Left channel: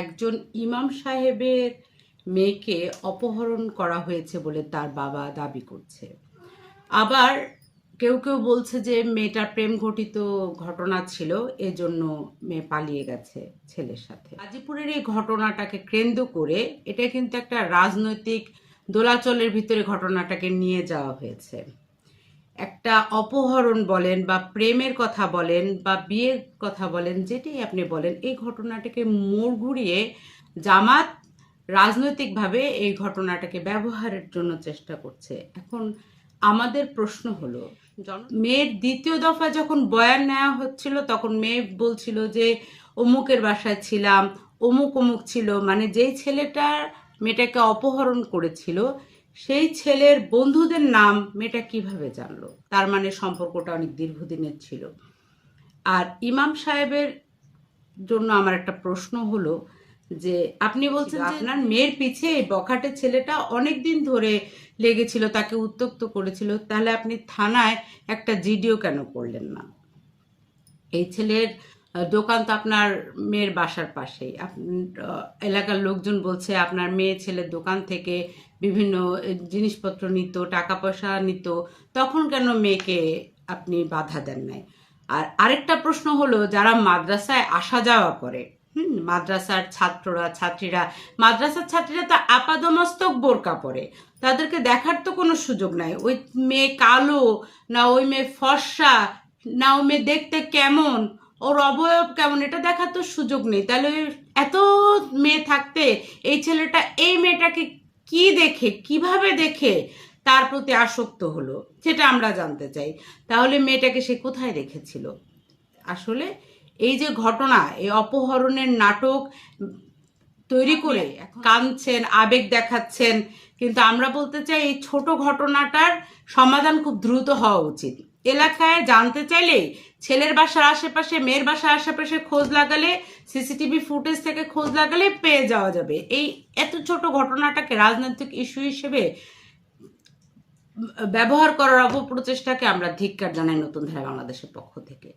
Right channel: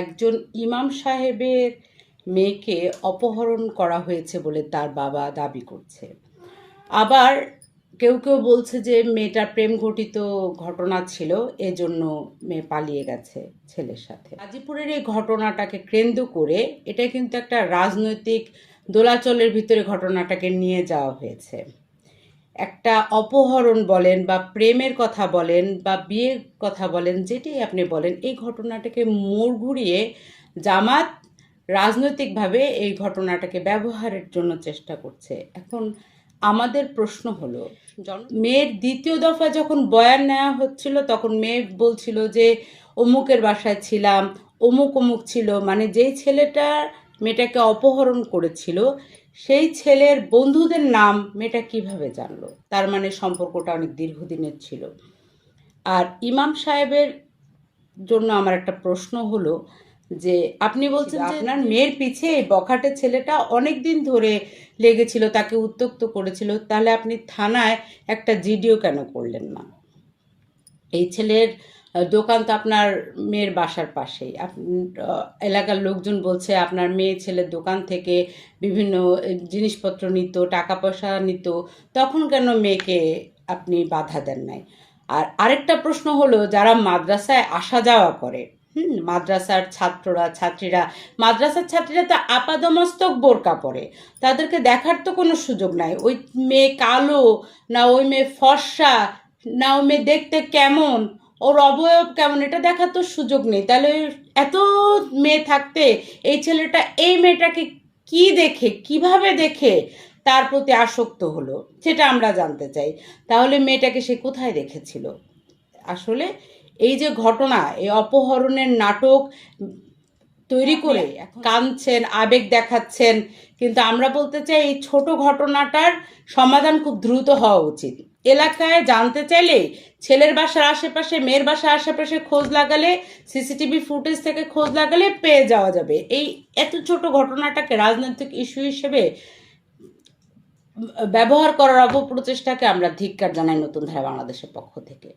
একজন ইমাম সাহেবের মেয়েকে অপহরণ করা হয়েছে বলে তার বাবা দাবি করছে। আবার কেউ কেউ বলছে যে মেয়েটা প্রেম ঘটিত ঘটনা ছিল, এজন্য মেয়ে পালিয়ে গেছে ছেলের সাথে। গাজীপুরের এই ঘটনাটাকে কেন্দ্র করে এটা কিন্তু একটা রাজনৈতিক দোলাচলের ভিতরে ঘটনাটাকে নিয়ে যাওয়া হয়েছে। একটা অপহরণ বলেন বা প্রেমের কথা বলেন বা বিয়ের কথা বলেন, যেটাই আপনি বলেন, এই ঘটনাটাকে মোড় ঘুরিয়ে জামাত রাজনৈতিকভাবে এই ঘটনাটাকে ব্যবহারের জন্য চেষ্টা করছে। এখন আমাদের প্রশ্ন হলো, মেয়ের দ্বিতীয় দফা যখন বয়ান নেওয়া হচ্ছিল তখন মেয়ে বলছিল যে অমুকের বাসায় ছিলাম, অমুক অমুক ছিল, মানে যেই ছেলেটা মেয়েটাকে অপহরণ করেছিল সেই ছেলের বন্ধুদের নাম মেয়েটা কিভাবে জানলো? তার মানে সম্পর্কটা অনেক দীর্ঘদিনের ছিল। আর ইমাম সাহেবের জন্য আমার একটা প্রশ্ন হলো যে আপনি বলছেন যে আপনার মেয়ের পিছে এই বখাটে ছেলেটা অনেক দিন ধরে লেগেছিল, তাকে উত্ত্যক্ত করেছিল, তাহলে আপনি থানায় একটা জিডিও কেন করলেন না? এই ছেলের দোকান তো আপনার মেয়ের বাসার পাশেই। এলাকার লোকজন বলছে আপনার মেয়ে ছেলের দোকান থেকে বিভিন্ন জিনিসপত্র নিত, টাকা পয়সা নিত, তখন কেন মেয়েকে আপনি বাধা দেন নাই? আর আরেকটা প্রশ্ন হলো, যারা মাদ্রাসায় আসা যাওয়া করে, মাদ্রাসার ছাত্রীরা তো আপাদমস্তক বোরকা পরে, তাদেরকে দেখার তো কোনো সুযোগ নাই। ওই মেয়ে কালো না ওই মেয়ে ফর্সা না ওই মেয়ে দেখতে কেমন, ওর অবয়ব কেমন, এটা দেখার তো সুযোগ নেই। তাহলে এত মেয়ে থাকতে এই ছেলেটা এই মেয়েটাকে কি দেখে, কিভাবে দেখে তার প্রতি আসক্ত হলো, সেটা আমরা জানতে চাই। তাহলে মেয়েটাকে সে কোথায় দেখেছিল? আসলে এই যে ঘটনা, এই অপহরণের নাটক তৈরি করে কাঁদছেন, আবেগ দেখাচ্ছেন, কিন্তু আমরা বলতে চাই এই ছোট ঘটনাটার সমাধান খুব দ্রুত হওয়া উচিত। এলাকায় জানতে চাইলে ছেলের বাসার আশেপাশে, মেয়ের বাসার আশেপাশে খোঁজ লাগালে, সিসিটিভি ফুটেজ থেকে খোঁজ লাগালে পেয়ে যাওয়া যাবে। এই এত ছোট ঘটনাটাকে রাজনৈতিক ইস্যু হিসেবে ব্যবহার করার অপপ্রচেষ্টাকে আমরা ধিক্কার জানাই নতুন ধারা বাংলাদেশের পক্ষ থেকে।